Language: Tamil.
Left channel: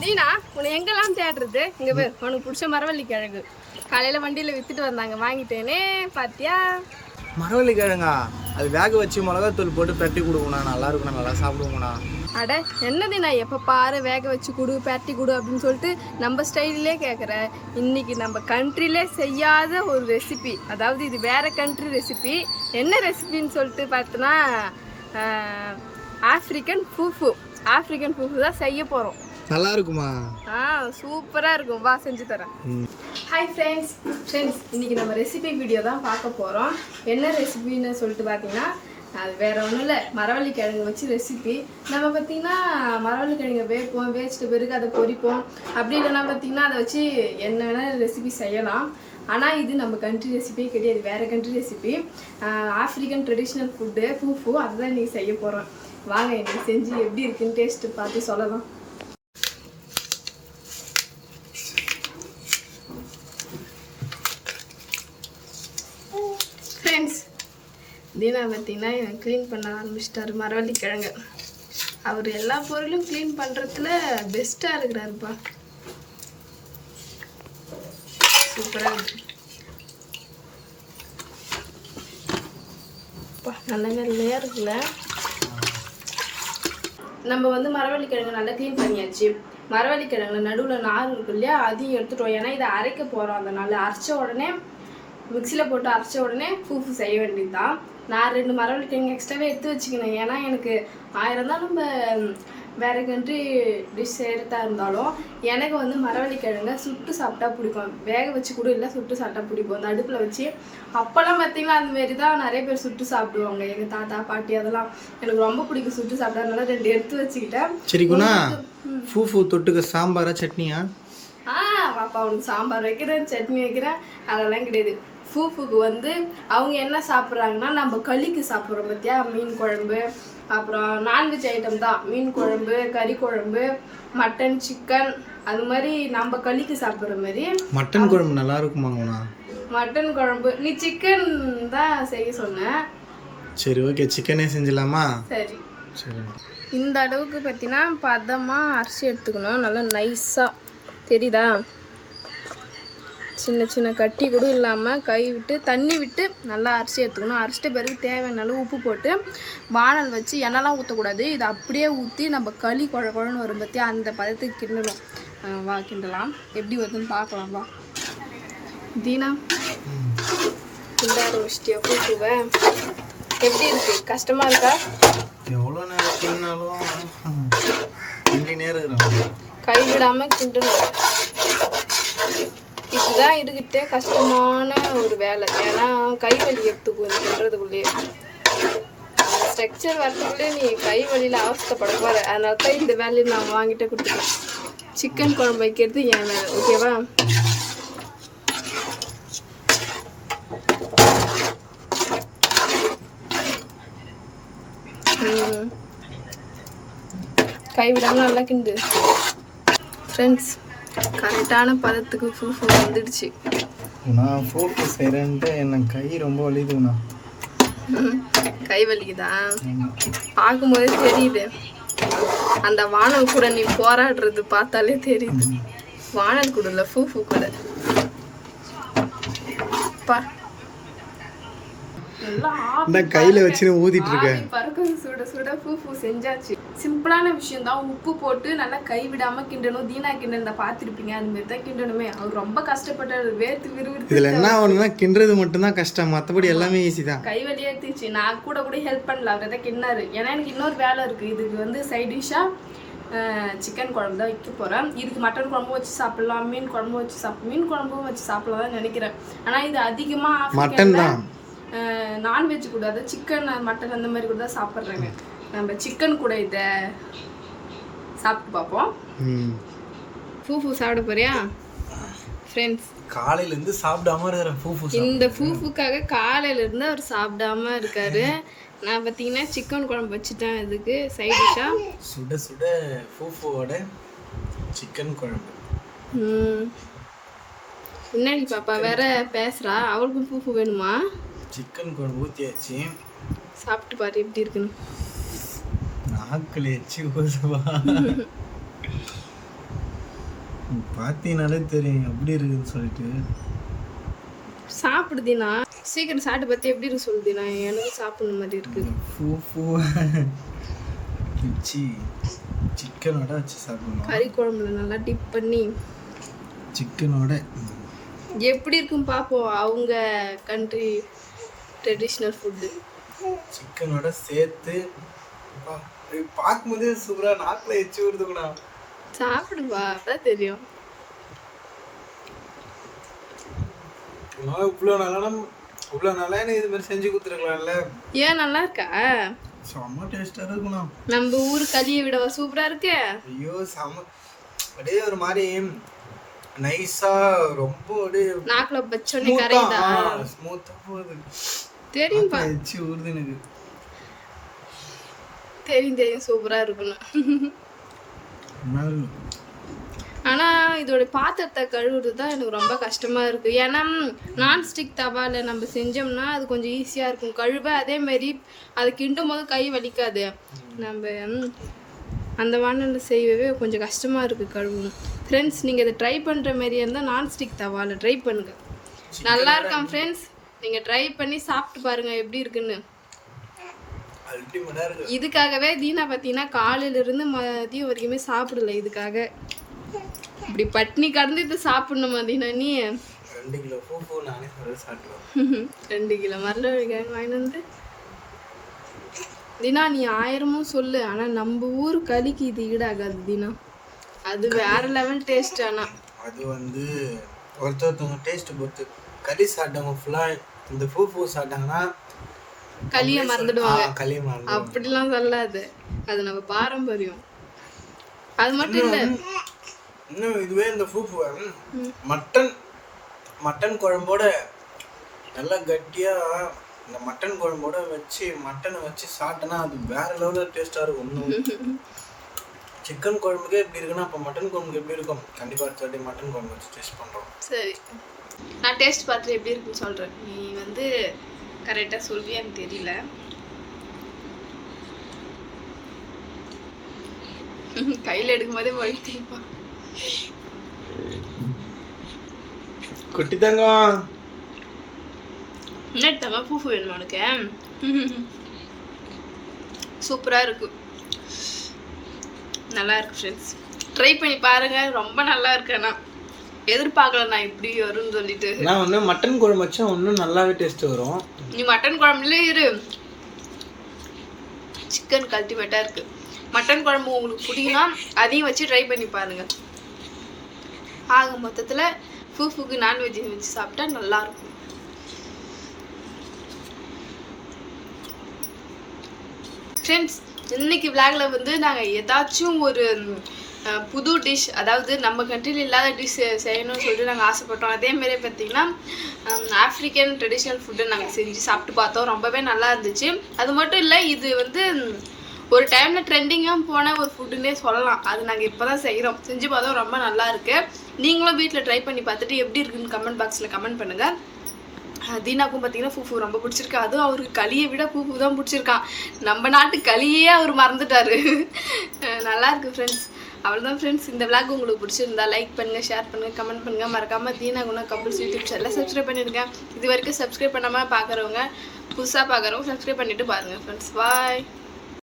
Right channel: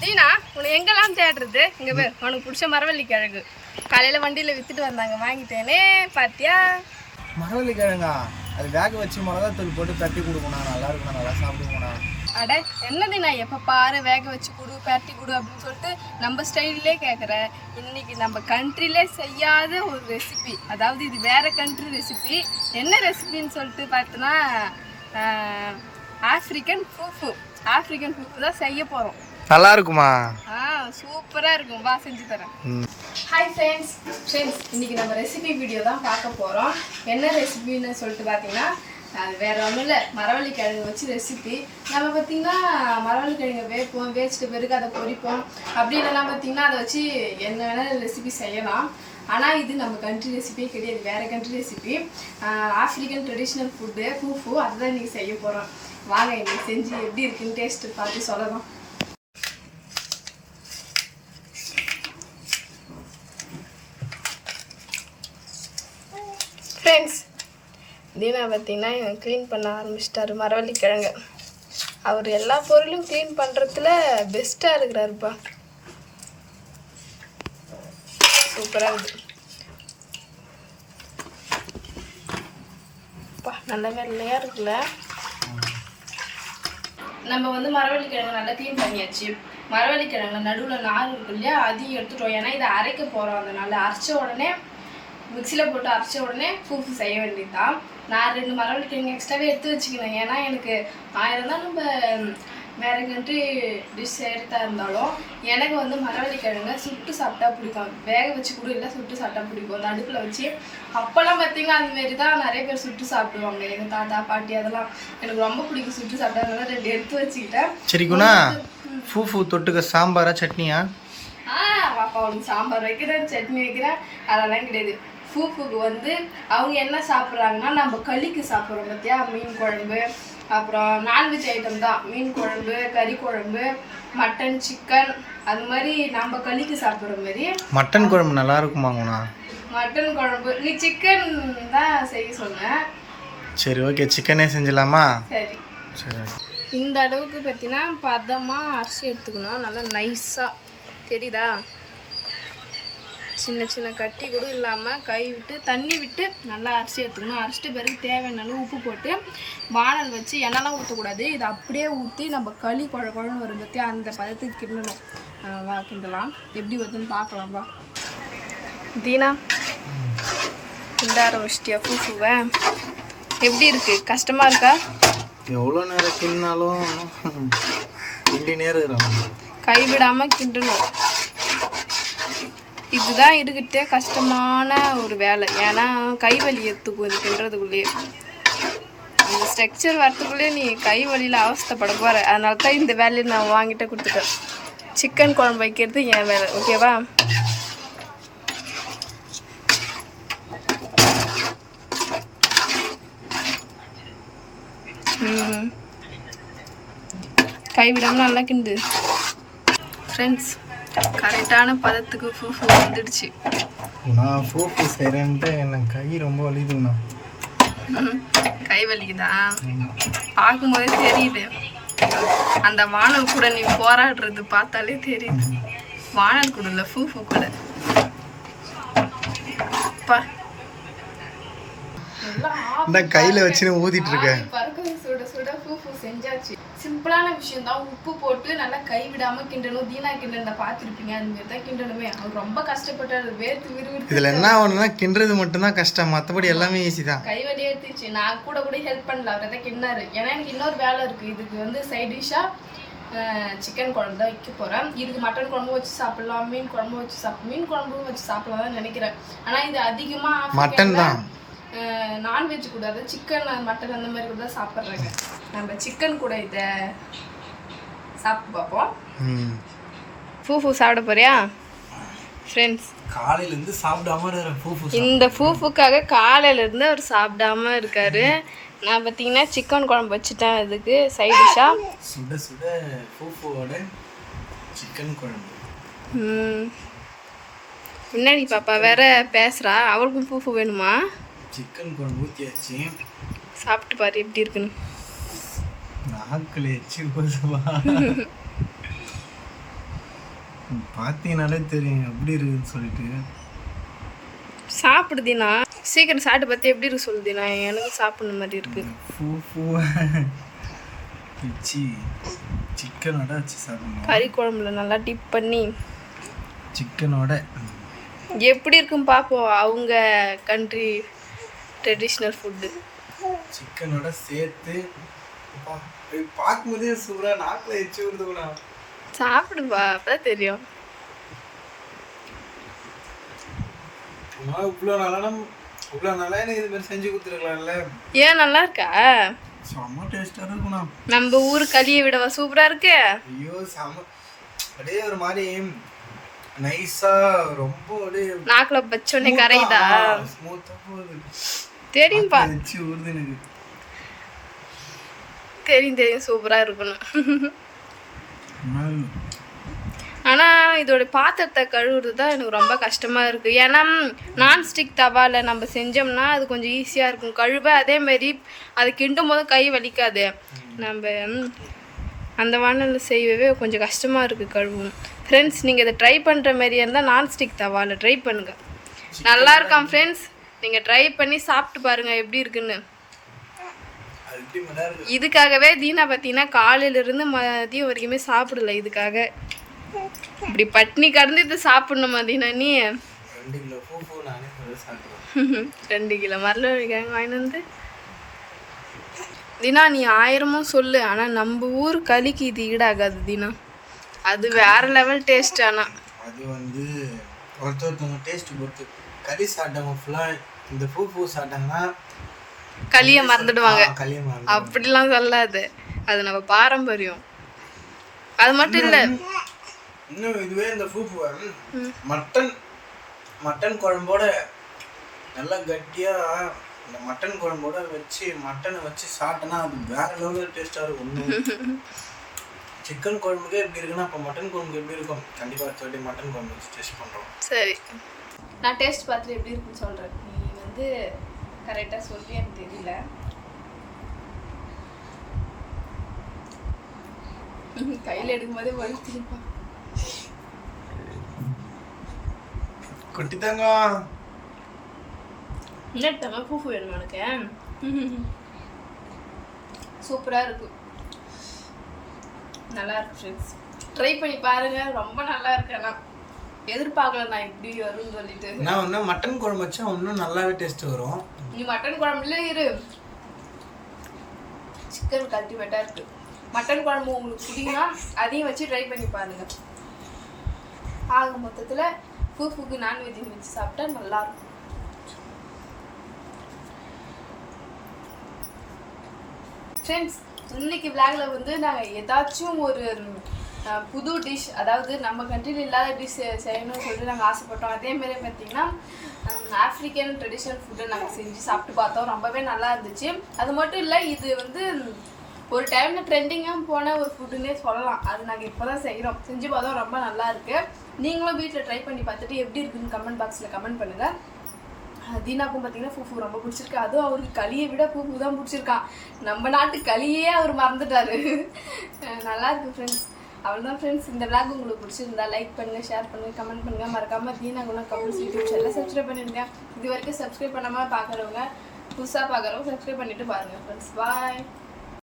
தீனா உன்னை எங்கெல்லாம் தேடுறது? இங்கே பேர் உனக்கு பிடிச்ச மரவள்ளி கிழங்கு காலையில் வண்டியில் விற்றுட்டு வந்தாங்க, வாங்கிட்டேனே. பாத்தியா மரவள்ளி கிழங்கா? அது வேக வச்சு மிளகாத்தூள் போட்டு பெரட்டி கொடுக்கணும்ண்ணா, நல்லா இருக்குண்ணா, நல்லா சாப்பிடுவோண்ணா. அட என்னது, நான் எப்போ பாரு வேக வச்சு கொடு பெரட்டி கொடு அப்படின்னு சொல்லிட்டு நம்ம ஸ்டைல்லே கேட்குறேன். இன்னைக்கு நம்ம கண்ட்ரிலே செய்யாத ஒரு ரெசிபி, அதாவது இது வேறு கண்ட்ரி ரெசிபி. என்ன ரெசிபின்னு சொல்லிட்டு பார்த்தோன்னா ஆஃப்ரிக்கன் ஃபூஃபு தான் செய்ய போகிறோம். நல்லா இருக்குமா? சூப்பராக இருக்கும், வா செஞ்சு தரேன். ஹாய் ஃப்ரெண்ட்ஸ், இன்றைக்கி நம்ம ரெசிபி வீடியோ தான் பார்க்க போகிறோம். என்ன ரெசிபின்னு சொல்லிட்டு பார்த்தீங்கன்னா, அது வேறு ஒன்றும் இல்லை, மரவள்ளி கிழங்கு வச்சு ரெசிபி. நம்ம பார்த்திங்கன்னா மரவள்ளி கிழங்கு வேப்போம், வேச்சிட்டு பிறகு அதை பொரிப்போம். அப்படி இல்லைன்னா பார்த்திங்கன்னா அதை வச்சு என்ன வேணால் ரெசிபி செய்யலாம். ஆனால் இது நம்ம கண்ட்ரி ரெசிபியே கிடையாது, வேறு country recipe. African traditional food fufu, அதுதான் இன்றைக்கி செய்ய போகிறோம். வாங்க இன்றைக்கி செஞ்சு எப்படி இருக்குன்னு டேஸ்ட்டு பார்த்து சொல்லலாம். ஃப்ரெண்ட்ஸ், தீனா பார்த்தீங்கன்னா இவன் க்ளீன் பண்ண ஆரம்பிச்சிட்டாரு மரவள்ளி கிழங்கு. அவர் எல்லா பொருளும் க்ளீன் பண்ணுறதுல பெஸ்ட்டாக இருக்கிறாருப்பா, சூப்பராக இருக்குது. நல்ல வெள்ளையாக இருக்குல்ல. நம்ம வந்து மரவள்ளி கிழங்கு நல்லா க்ளீன் பண்ணியாச்சு. மரவள்ளி கிழங்குல நடுவில் நார் இருக்கு இல்லையா, அதையும் எடுத்துட்டோம். ஏன்னா இதை அரைக்க போகிறோம். அதனால் அரைச்ச உடனே மிக்சியில் போட்டு அரைச்ச உடனே ஃபூஃபு செய்ய வேண்டியது தான். நான் 2 மரவள்ளி கிழங்கு எக்ஸ்ட்ராவே எடுத்து வச்சுக்கினேன். ஏன்னா எனக்கு 1000 தான் நம்ம வேறு கண்ட்ரி டிஷ் செய்கிறதா இருந்தாலும் எனக்கு வந்து மரவள்ளி கிழங்க சுட்டு சாப்பிட்டா பிடிக்கும். வேக வச்சு கூட இல்லை, சுட்டு சாப்பிட்டா பிடிக்கும். அந்த அடுப்பில் வச்சு அப்போல்லாம் பார்த்திங்கன்னா அந்தமாரி தான் நிறைய பேர் சுட்டு சாப்பிடுவாங்க. எங்கள் தாத்தா பாட்டி அதெல்லாம் எனக்கு ரொம்ப பிடிக்கும் சுட்டு சாப்பிட்டா. அதனால 2 எடுத்து வச்சுக்கிட்டேன். சரிக்குண்ணா, ஃபூஃபு தொட்டுக்க சாம்பாரா சட்னியா? பாப்பா அவனுக்கு சாம்பார் வைக்கிறேன், சட்னி வைக்கிறேன், அதெல்லாம் கிடையாது. ஃபூஃபுக்கு வந்து அவங்க என்ன சாப்பிட்றாங்கன்னா, நம்ம களிக்கு சாப்பிட்றோம் பார்த்தியா, மீன் குழம்பு, அப்புறம் நான்வெஜ் ஐட்டம் தான், மீன் குழம்பு, கறி குழம்பு, மட்டன், சிக்கன், அது மாதிரி நம்ம களிக்கு சாப்பிட்ற மாதிரி. மட்டன் குழம்பு நல்லா இருக்குமாங்கண்ணா? மட்டன் குழம்பு நீ சிக்கன் தான் செய்ய சொன்னேன். சரி, ஓகே, சிக்கனே செஞ்சலாமா? சரி சரி. இந்த அளவுக்கு பார்த்தீங்கன்னா பதமாக அரிசி எடுத்துக்கணும், நல்லா நைஸாக, தெரியுதா? சின்ன சின்ன கட்டி கூட இல்லாமல் கை விட்டு தண்ணி விட்டு நல்லா அரிசி எடுத்துக்கணும். அரிசிட்ட பிறகு தேவையான அளவு உப்பு போட்டு வானல் வச்சு, எண்ணெய்லாம் ஊற்றக்கூடாது, இதை அப்படியே ஊற்றி நம்ம களி குழன்னு வரும் பற்றி அந்த பதத்துக்கு கிண்டணும். வா கிண்டலாம், எப்படி வருதுன்னு பார்க்கலாம். வா தீனா, கிண்ட ஆரம்பிச்சிட்டியா ஃபூஃபுவை? எப்படி இருக்கு? கஷ்டமாக இருக்கா? எவ்வளோ நேரம் கிண்டினாலும் கை விடாமல் கிண்டணும். இதுதான் இருக்கிட்டே கஷ்டமான ஒரு வேலை. ஏன்னா கை வலி எடுத்துக்கும் இது கிண்டுறதுக்குள்ளேயே. அந்த ஸ்ட்ரக்சர் வரத்துக்குள்ளேயே நீ கை வலியில் அவஸ்தைப்பட போகிற. அதனால தான் இந்த வேலையை நான் வாங்கிட்ட கொடுத்துட்டேன். சிக்கன் குழம்பு வைக்கிறது என் வேலை, ஓகேவா? கை விடாமல் நல்லா கிண்டு. ஃப்ரெண்ட்ஸ், கரெக்டான பதத்துக்கு ஃபூஃபு வந்துடுச்சு. நான் ஃபூஃபு செய்கிறேன்ட்டு எனக்கு கை ரொம்ப வலிக்குதுண்ணா. கை வலிக்குதா? பார்க்கும்போதே தெரியுது. அந்த வானல் கூட நீ போராடுறது பார்த்தாலே தெரியுது. வானல் கூட இல்லை, ஃபூஃபு கூட. கையில வச்சு ஊதிட்டு இருக்க. பறக்குது சுட சுட ஃபூஃபு செஞ்சாச்சு. சிம்பிளான விஷயம் தான். உப்பு போட்டு நல்லா கை விடாம கிண்டணும். தீனா கிண்டன பார்த்துருப்பீங்க, அது மாதிரி தான் கிண்டணுமே. அவர் ரொம்ப கஷ்டப்பட்டாரு, வேர்த்து விறுவிறுத்து. இதுல என்ன ஒண்ணுன்னா கிண்டுறது மட்டும்தான் கஷ்டம், மற்றபடி எல்லாமே ஈஸி தான். கை வலி எடுத்துச்சு. நான் கூட ஹெல்ப் பண்ணல, அவர் தான் கிண்டாரு. ஏன்னா எனக்கு இன்னொரு வேலை இருக்கு. இதுக்கு வந்து சைட் டிஷ்ஷா சிக்கன் குழம்பு தான் வைக்க போகிறேன். இதுக்கு மட்டன் குழம்பும் வச்சு சாப்பிட்லாம், மீன் குழம்பும் வச்சு சாப்பிடலாம் தான் நினைக்கிறேன். ஆனால் இது அதிகமாக மட்டன் தான், நான்வெஜ் கூட, அது சிக்கன் மட்டன் அந்த மாதிரி கூட தான் சாப்பிட்றாங்க. நம்ம சிக்கன் கூட இதை சாப்பிட்டு பார்ப்போம். ஃபூஃபு சாப்பிட போறியா? ஃப்ரெண்ட்ஸ், காலையிலேருந்து சாப்பிடாம இருக்கிற ஃபூஃபு. இந்த ஃபூஃபுக்காக காலையிலேருந்து அவர் சாப்பிடாம இருக்காரு. நான் பார்த்தீங்கன்னா சிக்கன் குழம்பு வச்சுட்டேன். இதுக்கு சைட் டிஷ்ஷாக சுட சுட ஃபூஃபுவோட சிக்கன் குழம்பு. முன்னாடி பாப்பா வேற பேசுகிறா, அவளுக்கும் ஃபூஃபு வேணுமா? சிக்கன் குழம்பு ஊற்றியாச்சு, சாப்பிட்டு பாரு எப்படி இருக்குன்னு. நாக்கில் எச்சி ஊதுவா. பார்த்தீங்கனாலே தெரியும் எப்படி இருக்குதுன்னு சொல்லிட்டு. சாப்பிடுதினா சீக்கிரம் சாப்பிட்டு பார்த்து எப்படி இருக்கு சொல்லுதினா, எனக்கு சாப்பிடணும் மாதிரி இருக்கு. பூ வச்சு சிக்கனோட வச்சு சாப்பிடணும். கறி குழம்புல நல்லா டிப் பண்ணி சிக்கனோட எப்படி இருக்குன்னு பார்ப்போம். அவங்க கண்ட்ரி ட்ரெடிஷ்னல் ஃபுட்டு சிக்கனோட சேர்த்து பார்க்கும்போதே சூப்பராக நாக்கில் எச்சு விடுது கூட. சாப்பிடுப்பா, அப்பதான் தெரியும். இவ்வளோ நாளாக எனக்கு இது மாதிரி செஞ்சு கொடுத்துருக்கலாம்ல. ஏன் நல்லா இருக்கா? செம்ம டேஸ்டாக இருக்குண்ணா. நம்ம ஊர் களியை விடவா சூப்பரா இருக்கு? ஐயோ செம்ம, அப்படியே ஒரு மாதிரி நைஸா, ரொம்ப அப்படியே நாக்குல பச்சோன்னே கரையுதா? ஸ்மூத்தா போகுது. தெரியும்பா, எச்சி ஊறுது எனக்கு. தெரியும் சூப்பரா இருக்கணும். ஆனா இதோட பாத்திரத்தை கழுவுறது தான் எனக்கு ரொம்ப கஷ்டமா இருக்கு. ஏன்னா நான்ஸ்டிக் தவால நம்ம செஞ்சோம்னா அது கொஞ்சம் ஈஸியா இருக்கும் கழுவ. அதே மாதிரி அது கிண்டும் போது கை வலிக்காது. நம்ம அந்த வானலில் செய்யவே கொஞ்சம் கஷ்டமா இருக்கு கழுவும். ஃப்ரெண்ட்ஸ், நீங்கள் இதை ட்ரை பண்ணுற மாதிரியா இருந்தால் நான்ஸ்டிக் தவால ட்ரை பண்ணுங்க, நல்லா இருக்கான் ஃப்ரெண்ட்ஸ். நீங்கள் ட்ரை பண்ணி சாப்பிட்டு பாருங்க எப்படி இருக்குன்னு. இதுக்காகவே தீனா பார்த்தீங்கன்னா காலையிலேருந்து மதியம் வரைக்குமே சாப்பிடல. இதுக்காக இப்படி பட்னி கடந்து இதை சாப்பிடணுமா தீனா? நீ 2 கிலோ பூ நானே சாப்பிடுவேன். 2 கிலோ மரவள்ளிக்கிழங்கு வாங்கிட்டு வந்து தீனா நீ 1000 சொல்லு, ஆனால் நம்ம ஊர் களிக்கு இது ஈடாகாது தீனா. அது வேற லெவல் டேஸ்ட். ஆனால் அது வந்து ஒருத்தவங்க டேஸ்ட் பொறுத்து. களி சாப்பிட்டவங்க ஃபுல்லாக இந்த பூ சாப்பிட்டாங்கன்னா களியை மறந்துடுவாங்க. களியை மறந்து அப்படிலாம் சொல்லாது, அது நம்ம பாரம்பரியம். அது மட்டும் இல்லை, இன்னும் இதுவே இந்த பூவை மட்டன் குழம்போட நல்லா கட்டியாக இந்த மட்டன் குழம்போட வச்சு மட்டனை வச்சு சாப்பிட்டோன்னா அது வேற லெவலில் டேஸ்ட்டாக இருக்கும். சிக்கன் குழம்புக்கே எப்படி இருக்குன்னா அப்போ மட்டன் குழம்புக்கு எப்படி இருக்கும்? கண்டிப்பாக அடுத்த மட்டன் குழம்பு வச்சு டேஸ்ட் பண்ணுறோம். சரி, நான் டேஸ்ட் பார்த்துட்டு எப்படி இருக்குன்னு சொல்கிறேன். நீ வந்து கரெக்டாக சொல்வியான்னு தெரியல. கையில் எடுக்கும் போதே வழித்திப்பா. குட்டிதாங்க என்னட்டாங்க பூ வேணுமா உனக்கு? சூப்பராக இருக்கு, நல்லா இருக்கு ஃப்ரெண்ட்ஸ். ட்ரை பண்ணி பாருங்க, ரொம்ப நல்லா இருக்கு. ஆனால் எதிர்பார்க்கல நான் இப்படி வரும்னு சொல்லிட்டு. நான் வந்து மட்டன் குழம்பு வச்சா இன்னும் நல்லாவே டேஸ்ட் வரும். நீ மட்டன் குழம்புல இரு, சிக்கன் அல்டிமேட்டாக இருக்கு. மட்டன் குழம்பு உங்களுக்கு பிடிக்குன்னா அதையும் வச்சு ட்ரை பண்ணி பாருங்க. ஆக மொத்தத்தில் பூக்கு நான்வெஜ் வச்சு சாப்பிட்டா நல்லா இருக்கும். ஃப்ரெண்ட்ஸ், இன்னைக்கு விளாக்ல வந்து நாங்கள் ஏதாச்சும் ஒரு புது டிஷ், அதாவது நம்ம கண்ட்ரியில் இல்லாத டிஷ் செய்யணும்னு சொல்லிட்டு நாங்கள் ஆசைப்பட்டோம். அதேமாரி பார்த்திங்கன்னா ஆஃப்ரிக்கன் ட்ரெடிஷ்னல் ஃபுட்டை நாங்கள் செஞ்சு சாப்பிட்டு பார்த்தோம், ரொம்பவே நல்லா இருந்துச்சு. அது மட்டும் இல்லை, இது வந்து ஒரு டைமில் ட்ரெண்டிங்காக போன ஒரு ஃபுட்டுன்னே சொல்லலாம். அது நாங்கள் இப்போ தான் செய்கிறோம், செஞ்சு பார்த்தோம், ரொம்ப நல்லா இருக்குது. நீங்களும் வீட்டில் ட்ரை பண்ணி பார்த்துட்டு எப்படி இருக்குன்னு கமெண்ட் பாக்ஸில் கமெண்ட் பண்ணுங்கள். தீனாக்கும் பார்த்தீங்கன்னா பூ ரொம்ப பிடிச்சிருக்கு. அதுவும் அவருக்கு களியை விட பூ தான் பிடிச்சிருக்கான். நம்ம நாட்டு களியே அவர் மறந்துட்டார். நல்லா இருக்குது ஃப்ரெண்ட்ஸ். அவ்வளோதான் ஃப்ரெண்ட்ஸ், இந்த விளாக் உங்களுக்கு பிடிச்சிருந்தா லைக் பண்ணுங்கள், ஷேர் பண்ணுங்கள், கமெண்ட் பண்ணுங்கள். மறக்காமல் தீனா குணா கப்புள்ஸ் யூடியூப் சேனலில் சப்ஸ்கிரைப் பண்ணியிருக்கேன். இது வரைக்கும் சப்ஸ்கிரைப் பண்ணாமல் பார்க்குறவங்க, புதுசாக பார்க்குறவங்க சப்ஸ்கிரைப் பண்ணிவிட்டு பாருங்கள் ஃப்ரெண்ட்ஸ். பாய்.